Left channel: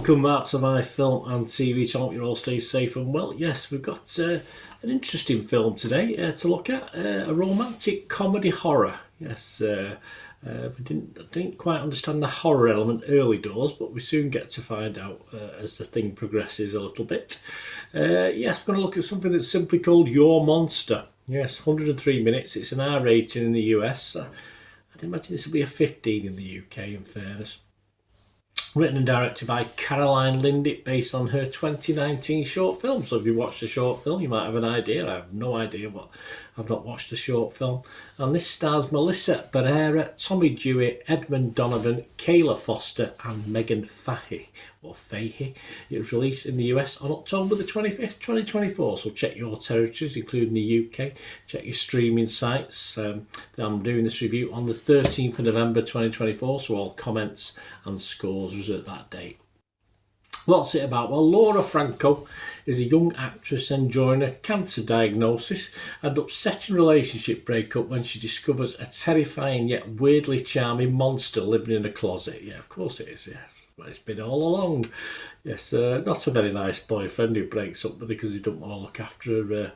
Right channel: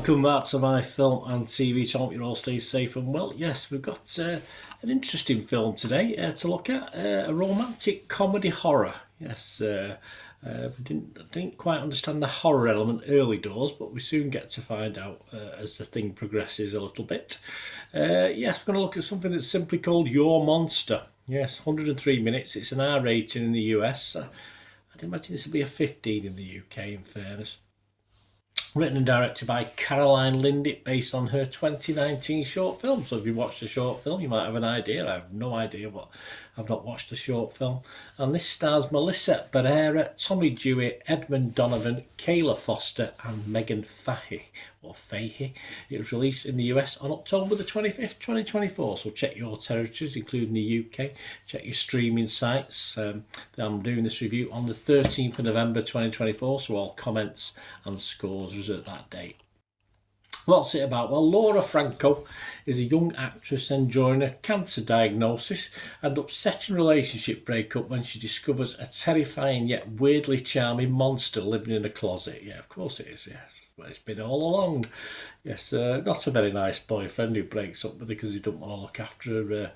Welcome back to my film and TV channel. You all stay safe and well. Yes, we've got an interesting film today to look at, a romantic comedy horror. Yes, we didn't quite understand the horror element early doors, but we soon get to find out as the thing progresses a little bit. Yes, we're going to look at something that's simply called Your Monster. Yes, 103 minutes. It's an R rating in the US. I'd imagine this will be a 15 in the UK, in fairness. Written and directed by Caroline Lindick, based on her 2019 short film. So if you watched the short film, you might have an idea. I have no idea, but I've not watched the short film. And this stars Melissa Barrera, Tommy Dewey, Edmund Donovan, Kayla Foster and Megan Fahey, or Fahey. It was released in the US on October the 25th, 2024. So check your territories, including the UK. Check your streaming sites. I'm doing this review on the 13th of November 2024, so all comments and scores was at that date. What's it about? Well, Laura Franco is a young actress enjoying a cancer diagnosis and upsetting relationship breakup when she discovers a terrifying yet weirdly charming monster living in a closet. Yeah, of course it is, yeah. Well, it's been all along. Yes, not a very nice boyfriend who breaks up with her because he doesn't want to look after her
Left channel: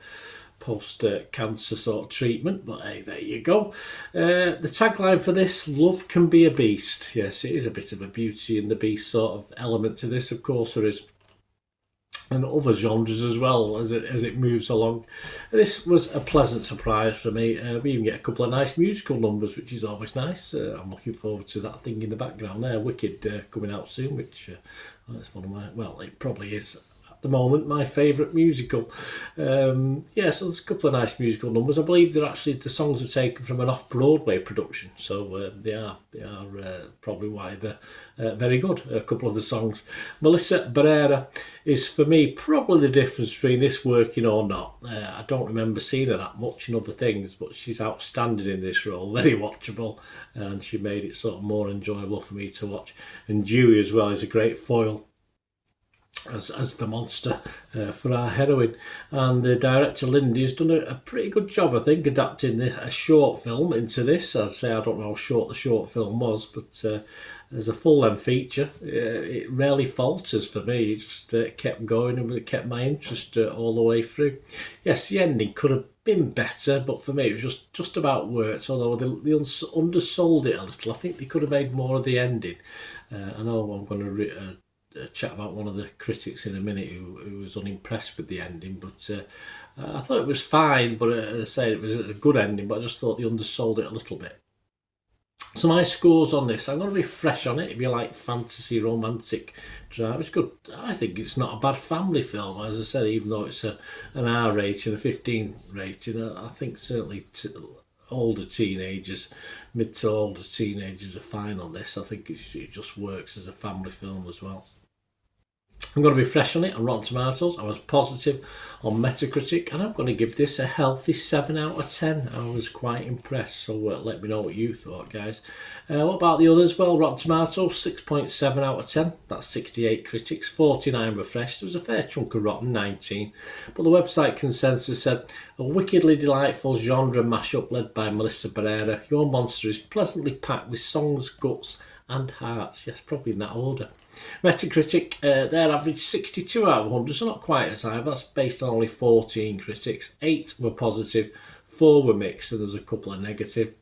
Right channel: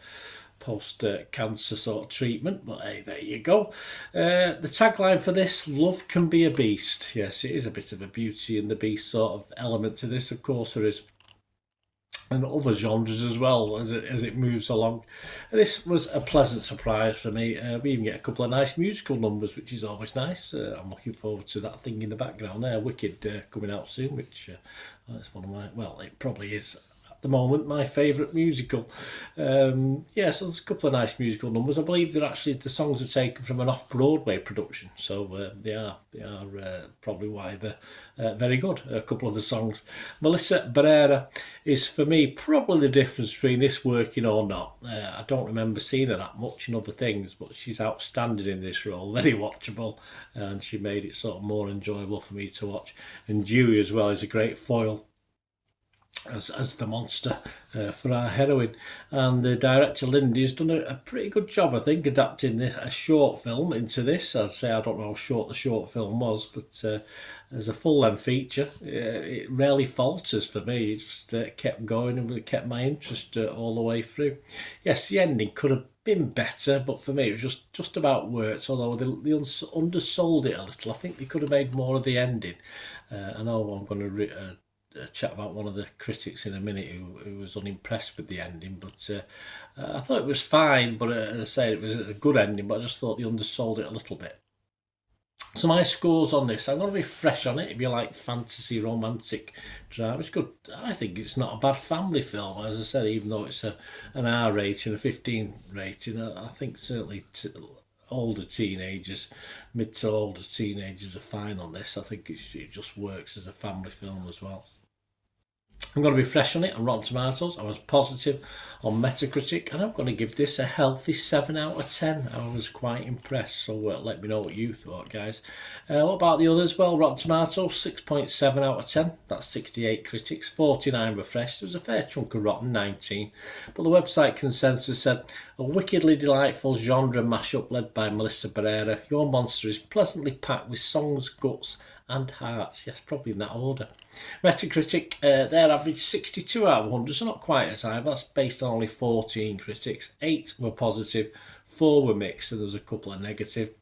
post-cancer sort of treatment, but hey, there you go. The tagline for this, love can be a beast. Yes, it is a bit of a Beauty and the Beast sort of element to this. Of course there is, and other genres as well as it moves along. And this was a pleasant surprise for me. We even get a couple of nice musical numbers, which is always nice. I'm looking forward to that thing in the background there, Wicked, coming out soon, which it's one of my, well, it probably is the moment my favourite musical. So there's a couple of nice musical numbers. I believe they're actually, the songs are taken from an off-Broadway production, so they are probably why they're very good, a couple of the songs. Melissa Barrera is, for me, probably the difference between this working or not. I don't remember seeing her that much in other things, but she's outstanding in this role, very watchable, and she made it sort of more enjoyable for me to watch. And Dewey as well is a great foil as the monster for our heroine. And the director Lindy's done a pretty good job, I think, adapting a short film into this. I'd say I don't know how short the short film was, but as a full-length feature, it rarely falters for me. It just kept going and it kept my interest all the way through. Yes, the ending could have been better, but for me it was just about worked, although they undersold it a little. I think they could have made more of the ending. I know I'm going to chat about one of the critics in a minute who was unimpressed with the ending, but I thought it was fine, but as I say, it was a good ending, but I just thought they undersold it a little bit. So my scores on this, I'm going to be fresh on it. If you like fantasy, romantic drama, it's good. I think it's not a bad family film, as I said, even though it's an R rating, a 15 rating. I think certainly older teenagers, mid to older teenagers are fine on this. I think it just works as a family film as well. I'm going to be fresh on it on Rotten Tomatoes. I was positive on Metacritic, and I'm going to give this a healthy 7 out of 10. I was quite impressed, so let me know what you thought, guys. What about the others? Well, Rotten Tomatoes, 6.7 out of 10. That's 68 critics, 49 were fresh. There was a fair chunk of rotten, 19. But the website consensus said, a wickedly delightful genre mashup led by Melissa Barrera. Your Monster is pleasantly packed with songs, guts and hearts. Yes, probably in that order. Metacritic, their average 62 out of 100, so not quite as high. That's based on only 14 critics. 8 were positive, 4 were mixed, and there was a couple of negative.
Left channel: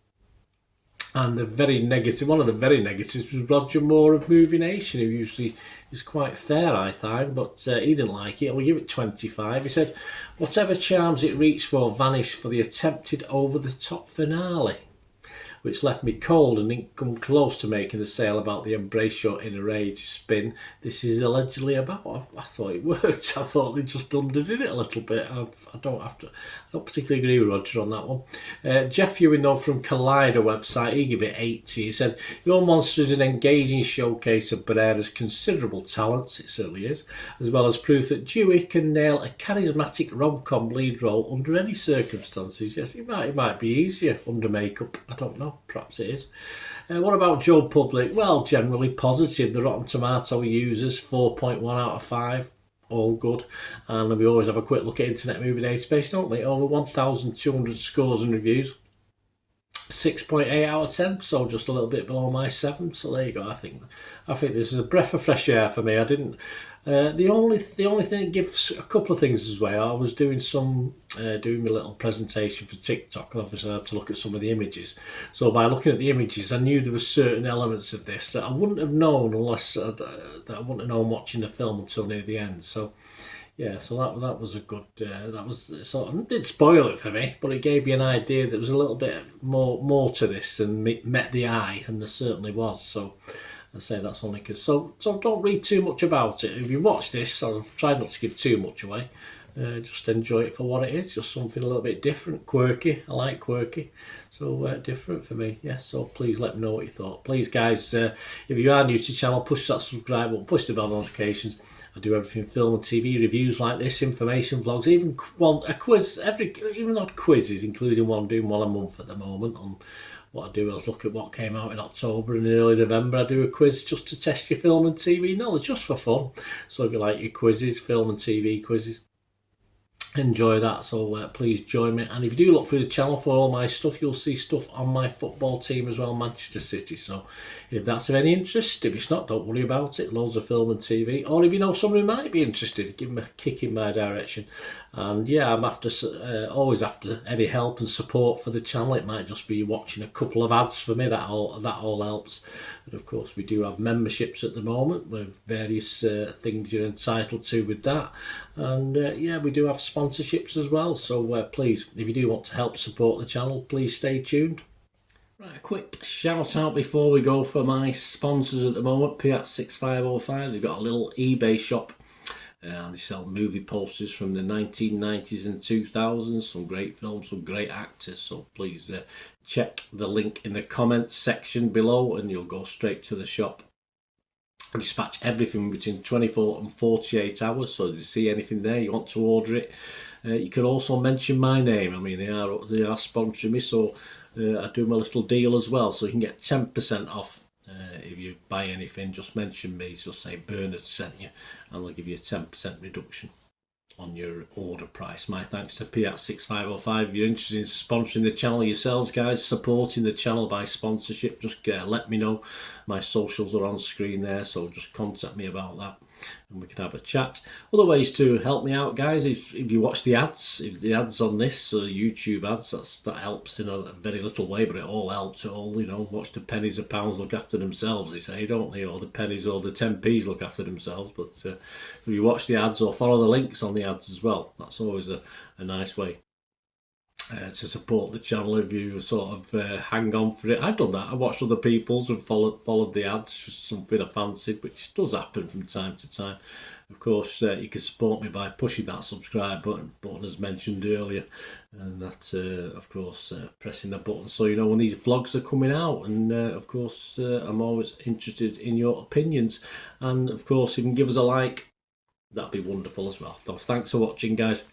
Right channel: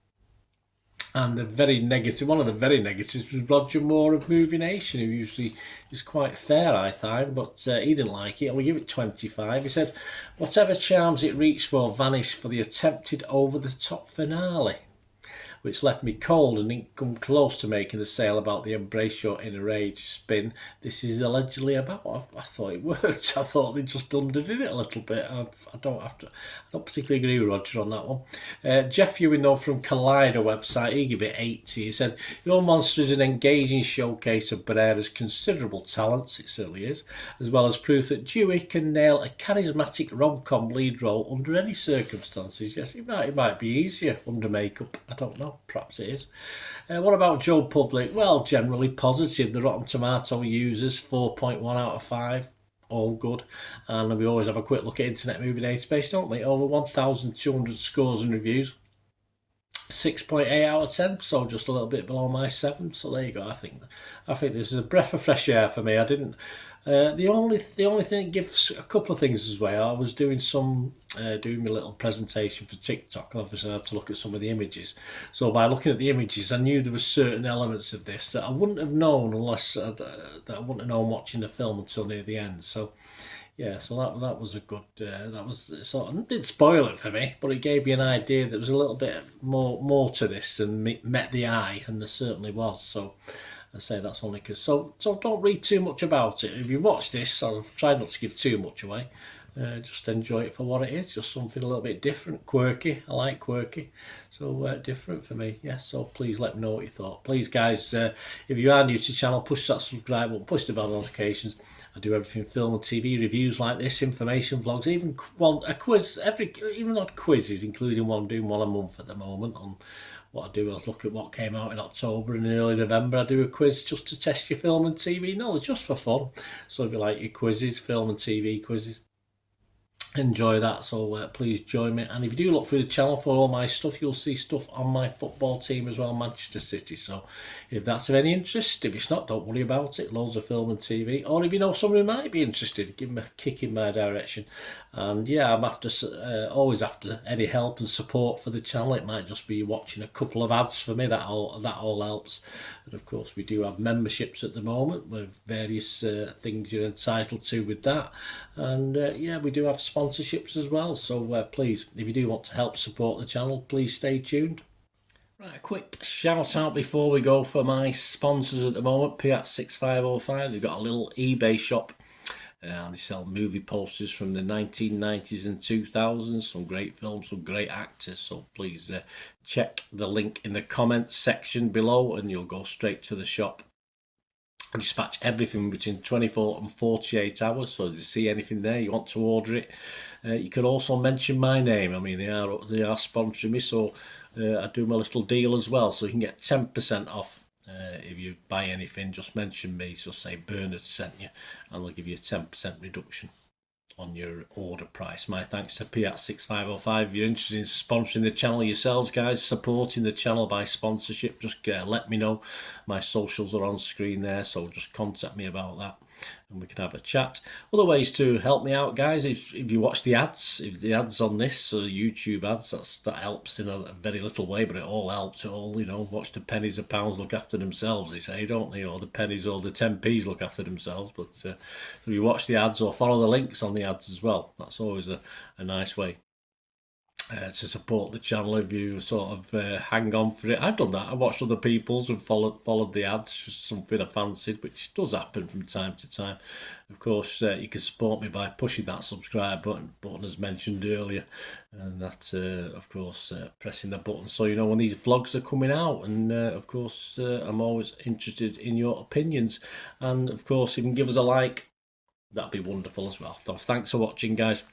And the very negative, one of the very negatives was Roger Moore of Movie Nation, who usually is quite fair, I find, but he didn't like it. We'll give it 25. He said, whatever charms it reached for vanished for the attempted over-the-top finale, which left me cold and didn't come close to making the sale about the embrace your inner rage spin this is allegedly about. I thought it worked. I thought they just underdid it a little bit. I don't particularly agree with Roger on that one. Jeff Ewing, though, from Collider website, he gave it 80. He said, Your Monster is an engaging showcase of Barrera's considerable talents, it certainly is, as well as proof that Dewey can nail a charismatic rom-com lead role under any circumstances. Yes, it might be easier under makeup. I don't know. Perhaps it is. What about Joe Public? Well, generally positive. The Rotten Tomato users, 4.1 out of 5. All good. And we always have a quick look at Internet Movie Database, don't we? Over 1,200 scores and reviews. 6.8 out of 10, so just a little bit below my 7. So there you go. I think this is a breath of fresh air for me. I didn't. The only thing that gives a couple of things as well. I was doing doing a little presentation for TikTok, and obviously I had to look at some of the images. So by looking at the images, I knew there were certain elements of this that I wouldn't have known that I wouldn't have known watching the film until near the end. So yeah, so that was a good. That was sort of, it didn't spoil it for me, but it gave me an idea that there was a little bit more to this than met the eye, and there certainly was. So I say that's only because. So don't read too much about it. If you watch this, I've tried not to give too much away. Just enjoy it for what it is. Just something a little bit different, quirky. I like quirky, so different for me. Yes. So please let me know what you thought. Please, guys, if you are new to the channel, push that subscribe button, push the bell notifications. I do everything film and TV reviews like this, information vlogs, even a quiz, even odd quizzes, including doing one a month at the moment. On what I do is look at what came out in October and early November. I do a quiz just to test your film and TV knowledge, just for fun. So if you like your quizzes, film and TV quizzes, enjoy that. So please join me, and if you do look through the channel for all my stuff, you'll see stuff on my football team as well, Manchester City. So if that's of any interest, if it's not, don't worry about it. Loads of film and TV, or if you know someone who might be interested, give them a kick in my direction. And yeah, I'm always after any help and support for the channel. It might just be watching a couple of ads for me. That all helps. And of course, we do have memberships at the moment with various things you're entitled to with that. And yeah, we do have sponsorships as well. So please, if you do want to help support the channel, please stay tuned. Right, a quick shout out before we go for my sponsors at the moment. Piat6505, they've got a little eBay shop. They sell movie posters from the 1990s and 2000s, some great films, some great actors. So please check the link in the comments section below and you'll go straight to the shop. I dispatch everything between 24 and 48 hours, so if you see anything there, you want to order it, you can also mention my name. I mean, they are sponsoring me, so I do my little deal as well, so you can get 10% off. If you buy anything, just mention me, so say Bernard sent you, and they'll give you a 10% reduction on your order price. My thanks to Piat6505. If you're interested in sponsoring the channel yourselves, guys, supporting the channel by sponsorship, just let me know. My socials are on screen there, so just contact me about that and we can have a chat. Other ways to help me out, guys, if you watch the ads, if the ads on this YouTube ads, that helps in a very little way, but it all helps. Watch the pennies and pounds look after themselves, they say, don't they? Or the pennies or the 10p's look after themselves. But if you watch the ads or follow the links on the ads as well, that's always a nice way to support the channel. If you sort of hang on for it, I've done that. I watched other people's and followed the ads, something I fancied, which does happen from time to time. Of course, you can support me by pushing that subscribe button as mentioned earlier, and that's of course pressing the button so you know when these vlogs are coming out. And of course, I'm always interested in your opinions, and of course, if you can give us a like, that'd be wonderful as well. So thanks for watching, guys.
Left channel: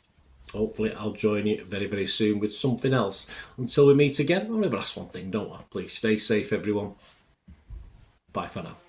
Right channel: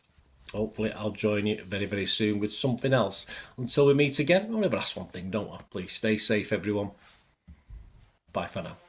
Hopefully I'll join you very, very soon with something else. Until we meet again, I'll never ask one thing, don't I? Please stay safe, everyone. Bye for now.